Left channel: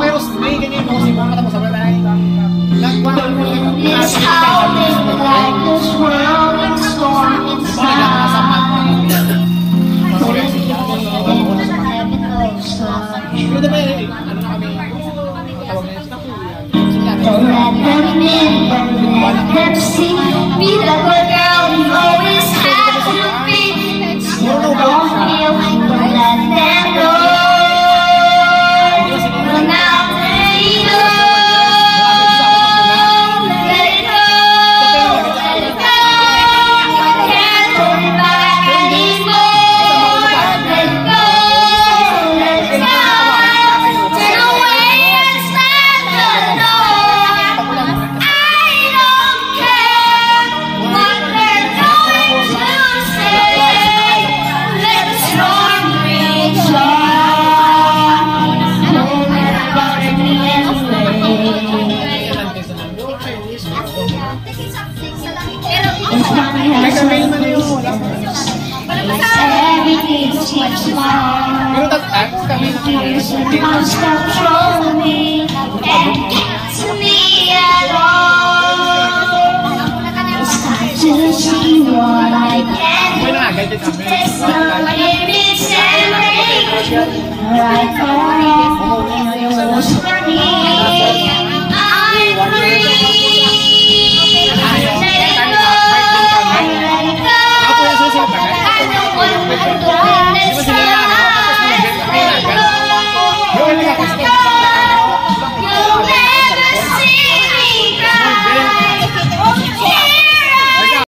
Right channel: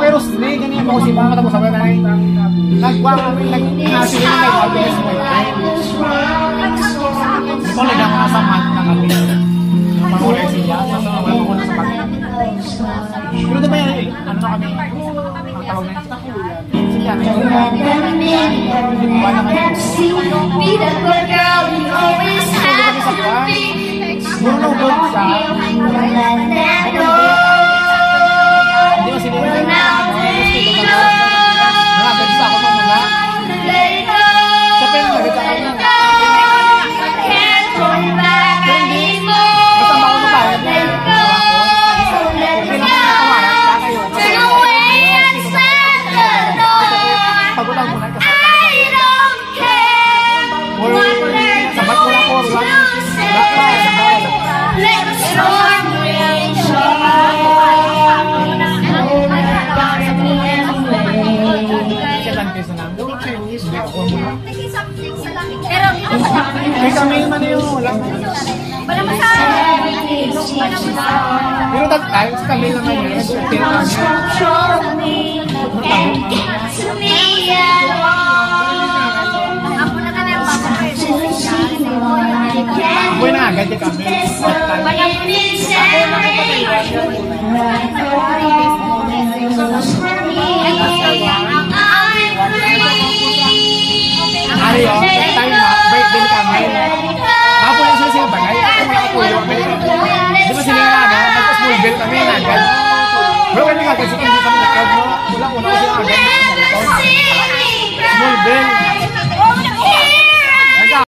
Pero may ganyan po si Mama tapos sabi tayo It's how this life is running, storming inside. Pero diba ano na kami tawag na Don't let them in, don't let them see. Be the good girl you always had to be. You don't feel, don't let them know. Well, now let it go. Let it go, let it go. Can't hold it back anymore. Let it go, let it go. Turn away and slam the door. I don't care what they're going to say. Let the storm rage on. No matter about me anyway. It's coming as everything's changed now. You lost control of me and get to me at all. It's time to see what I can do. There's no limits and rage. Right now, it's for me. I'm free. Let it go. Let it go. I don't want to